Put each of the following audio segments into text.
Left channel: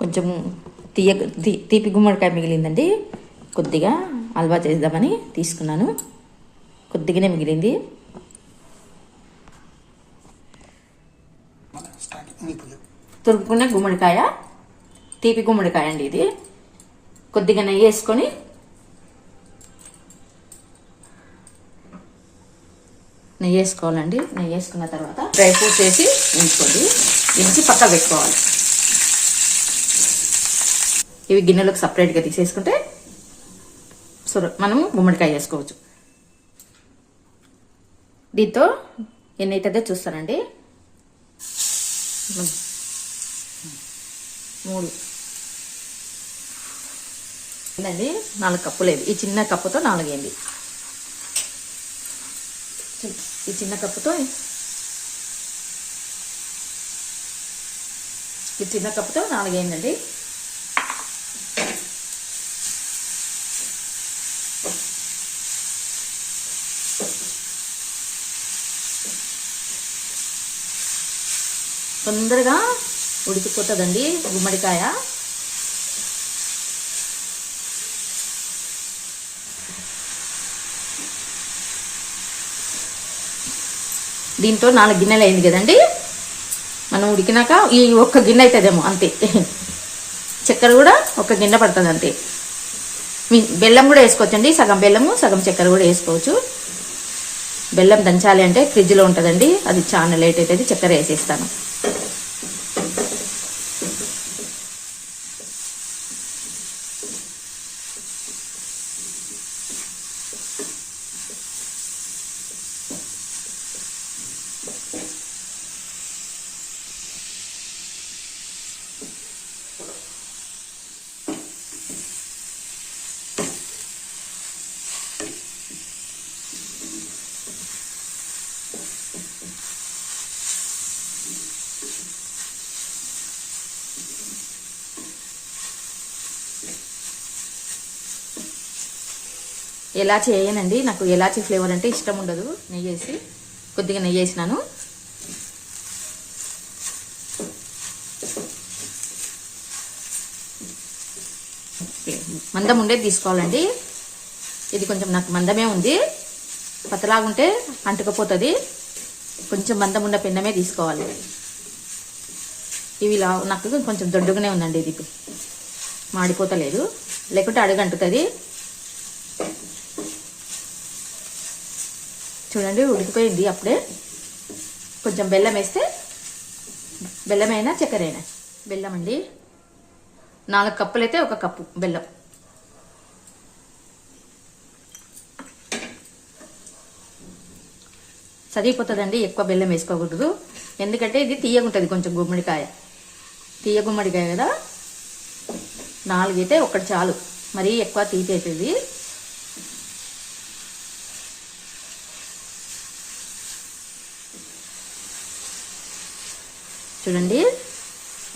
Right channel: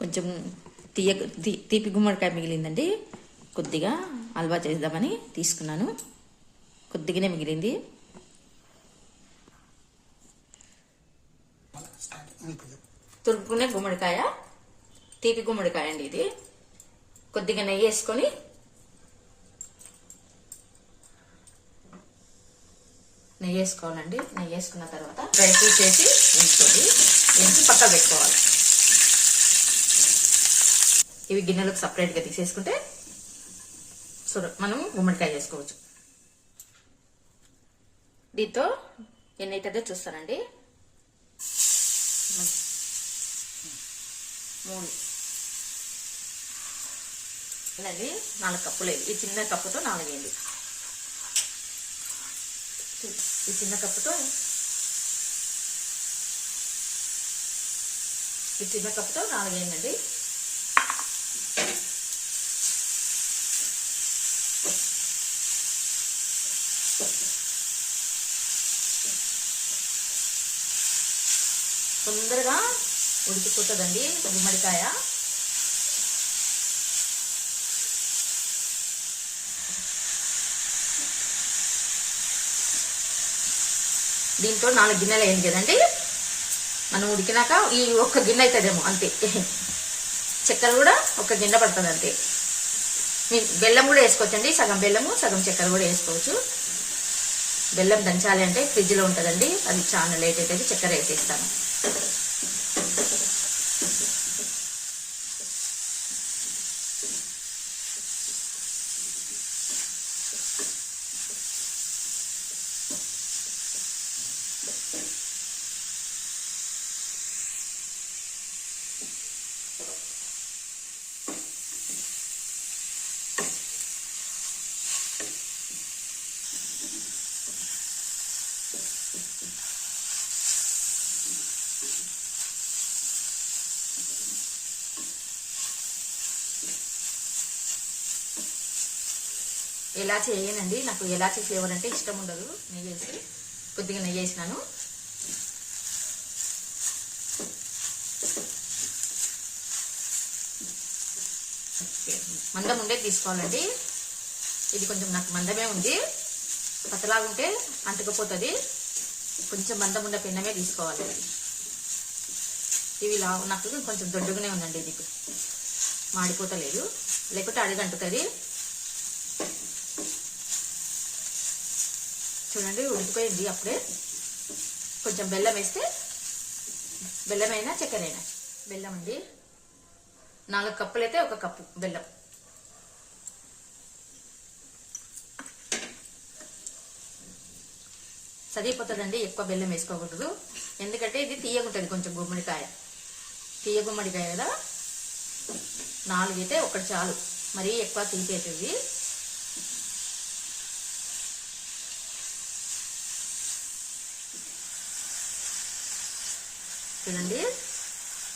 కొంచెం తీపి గుమ్మడికాయ మిగిలిందండి. కొద్దిగా హల్వా చేద్దామని తీసుకున్నాను. కొద్దిగానే మిగిలింది. తురుపుకునే గుమ్మడికాయ, తీపి గుమ్మడికాయ అండి ఇది. కొద్దిగా నెయ్యి వేసుకొని నెయ్యి వేసుకోవాలండి. నెయ్యి వేసుకున్న తర్వాత డ్రై ఫ్రూట్స్ వేసి వేసుకోండి. వేసి పక్క పెట్టుకోవాలి. ఇవి గిన్నెలకు సపరేట్గా తీసేసుకుంటే మనం గుమ్మడికాయ వేసుకోవచ్చు. దీంతో ఎన్ని అవుతుందో చూస్తానండి. 3 అండి. 4 కప్పులు. ఈ చిన్న కప్పుతో 4 అయింది. ఈ చిన్న కప్పుతో ఈ చిన్న కప్పుతో 4 అయిందండి. తొందరగా ఉడికిపోతుందండి గుమ్మడికాయ. దీంతో 4 గిన్నెలు అయింది కదండి. మనం ఉడికినాక ఈ 1 గిన్నె అవుతుందేమో అంతే. చక్కెర కూడా 1 గిన్నె పడుతుంది అంతే. బెల్లం కూడా వేసుకోవచ్చండి. సగం బెల్లము సగం చక్కెర కూడా వేసుకోవచ్చు. బెల్లం దంచాలి అంటే ఫ్రిడ్జ్లో ఉంటుందండి. అది చాలా లేట్ అవుతుంది. చక్కెర వేసేస్తాను. ఎలాచి వేయనండి. నాకు ఎలాచి ఫ్లేవర్ అంటే ఇష్టం ఉండదు. నెయ్యి వేసి కొద్దిగా నెయ్యి వేసినాను. మందం ఉండేది తీసుకోవాలండి. ఇది కొంచెం నాకు మందమే ఉంది. పతలాగుంటే అంటుకపోతుంది. కొంచెం మందం ఉన్న పెన్నమే తీసుకోవాలి. ఇవి నాకు కొంచెం దొడ్డుగానే ఉందండి. ఇది మాడిపోతలేదు, లేకుంటే అడుగంటుతుంది. చూడండి ఉడికిపోయింది. అప్పుడే కొంచెం బెల్లం వేస్తే, బెల్లమైనా చక్కెర అయినా, బెల్లం అండి 4 కప్పులు అయితే 1 కప్పు బెల్లం. సరిపోతుందండి. ఎక్కువ బెల్లం వేసుకోకూడదు. ఎందుకంటే ఇది తీయగుంటుంది కొంచెం గుమ్మడికాయ. తీయ గుమ్మడికాయ కదా. 4 అయితే 1 చాలు. మరీ ఎక్కువ తీపి అవుతుంది. చూడండి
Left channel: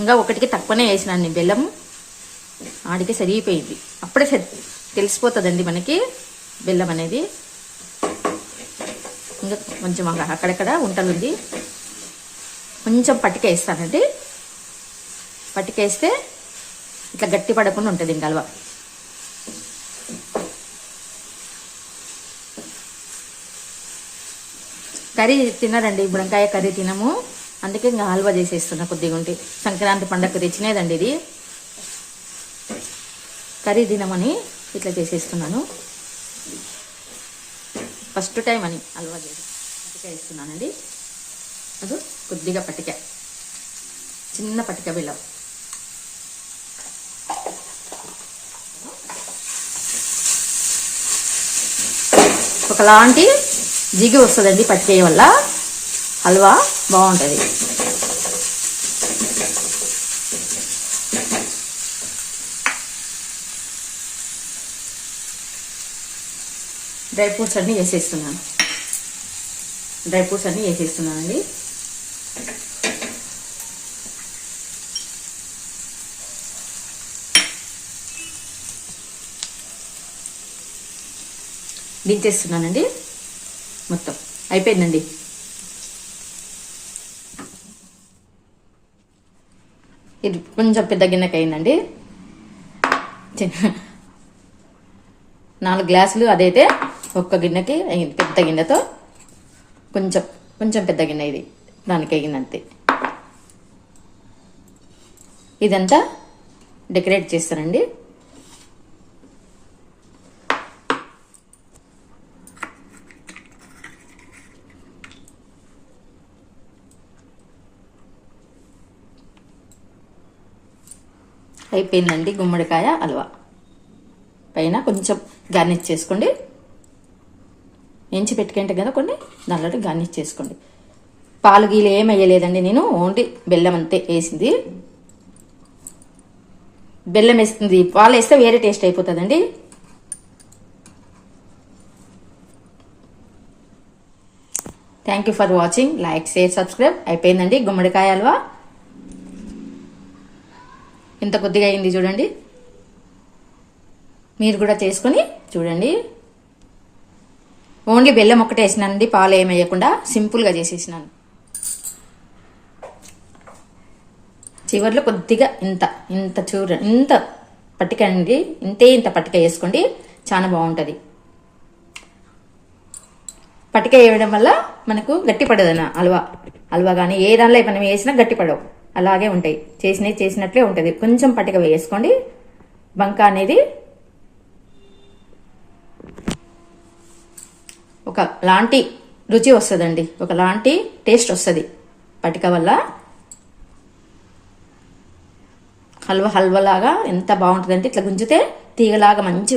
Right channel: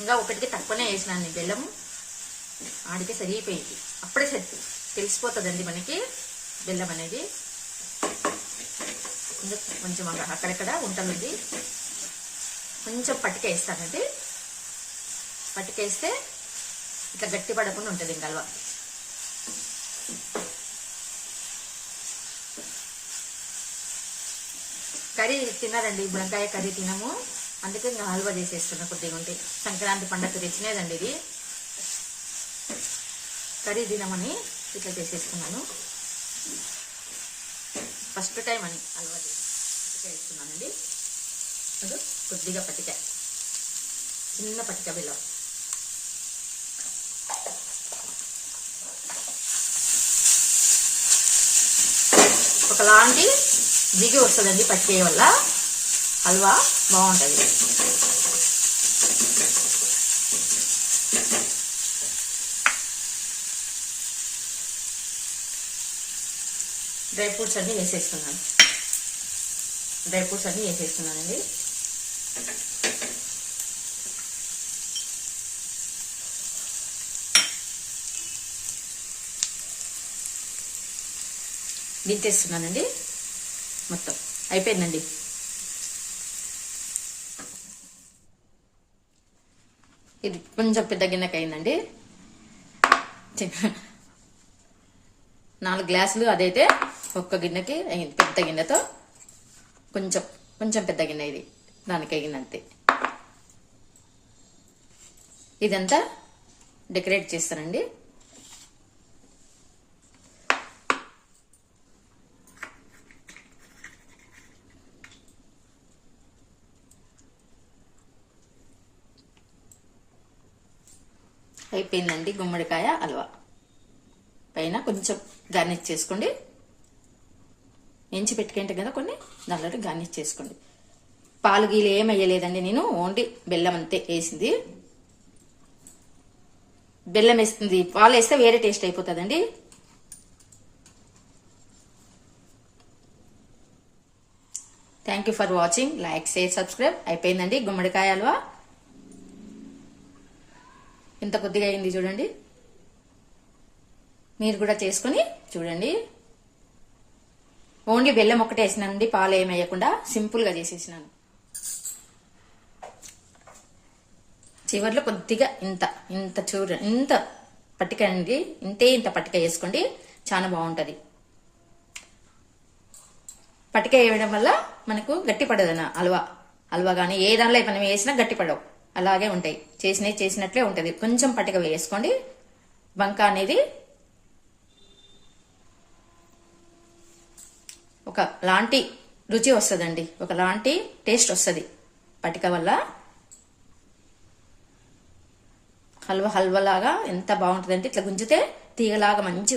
ఇంకా 1కి తక్కువనే వేసినాను బెల్లం. ఆడికి సరిగిపోయింది. అప్పుడే తెలిసిపోతుందండి మనకి బెల్లం అనేది. ఇంకా కొంచెం అక్కడక్కడ ఉంటలుంది. కొంచెం పట్టిక వేస్తానండి. పట్టికేస్తే ఇట్లా గట్టి పడకుండా ఉంటుంది ఇంకా హల్వా. కర్రీ తినరండి. బుడంకాయ కర్రీ తినము. అందుకే ఇంకా హల్వా చేసేస్తున్నా. కొద్దిగా ఉంటే సంక్రాంతి పండగ తెచ్చినేదండి ఇది. కర్రీ తినమని ఇట్లా చేసేస్తున్నాను. ఫస్ట్ టైం అని హల్వా చేసి పట్టిక వేస్తున్నానండి. అది కొద్దిగా పట్టిక, చిన్న పట్టిక బెల్లం. ఒకలాంటి జిగి వస్తుందండి పట్టిక వల్ల. హల్వా బాగుంటుంది. డ్రై ఫ్రూట్స్ అన్నీ వేసేస్తున్నాను. వేసేస్తున్నానండి. దించేస్తున్నానండి. మొత్తం అయిపోయిందండి. ఇది కొంచెం పెద్ద గిన్నెకి అయిందండి. 4 గ్లాసులు అదైతే ఒక్క గిన్నెకి అయింది. పెద్ద గిన్నెతో కొంచెం పెద్ద గిన్నె ఇది, దానికి అయిందంతే. ఇదంతా డెకరేట్ చేస్తానండి. అయిపోయిందండి గుమ్మడికాయ హల్వా. పైన కొంచెం గార్నిష్ చేసుకోండి. ఎంచి పెట్టుకుంటే కదా కొన్ని, దాంట్లో గార్నిష్ చేసుకోండి. పాలు గీలు ఏం వేయలేదండి నేను, ఓన్లీ బెల్లం అంతే వేసింది. బెల్లం వేస్తుంది, పాలు వేస్తే వేరే టేస్ట్ అయిపోతుందండి. Thank you for watching. Like, share, subscribe. అయిపోయిందండి గుమ్మడికాయ హల్వా. ఇంత కొద్దిగా అయింది చూడండి. మీరు కూడా చేసుకొని చూడండి. ఓన్లీ బెల్లం ఒక్కటే వేసినానండి, పాలు ఏమి వేయకుండా సింపుల్గా చేసేసినాను. చివర్లో కొద్దిగా ఇంత పట్టిక అండి, ఇంత పట్టిక వేసుకోండి, చాలా బాగుంటుంది. పట్టిక వేయడం వల్ల మనకు గట్టి పడదన్న హల్వా కానీ ఏ దానిలో మనం వేసినా గట్టి పడవు, అలాగే ఉంటాయి. చేసినట్లే ఉంటుంది. కొంచెం పట్టిక వేసుకోండి. బంక అనేది ఒక లాంటి రుచి వస్తుందండి, ఒక లాంటి టేస్ట్ వస్తుంది పట్టిక వల్ల. హల్వా లాగా ఎంత బాగుంటుందంటే ఇట్లా గుంజితే తీగలాగా మంచిగా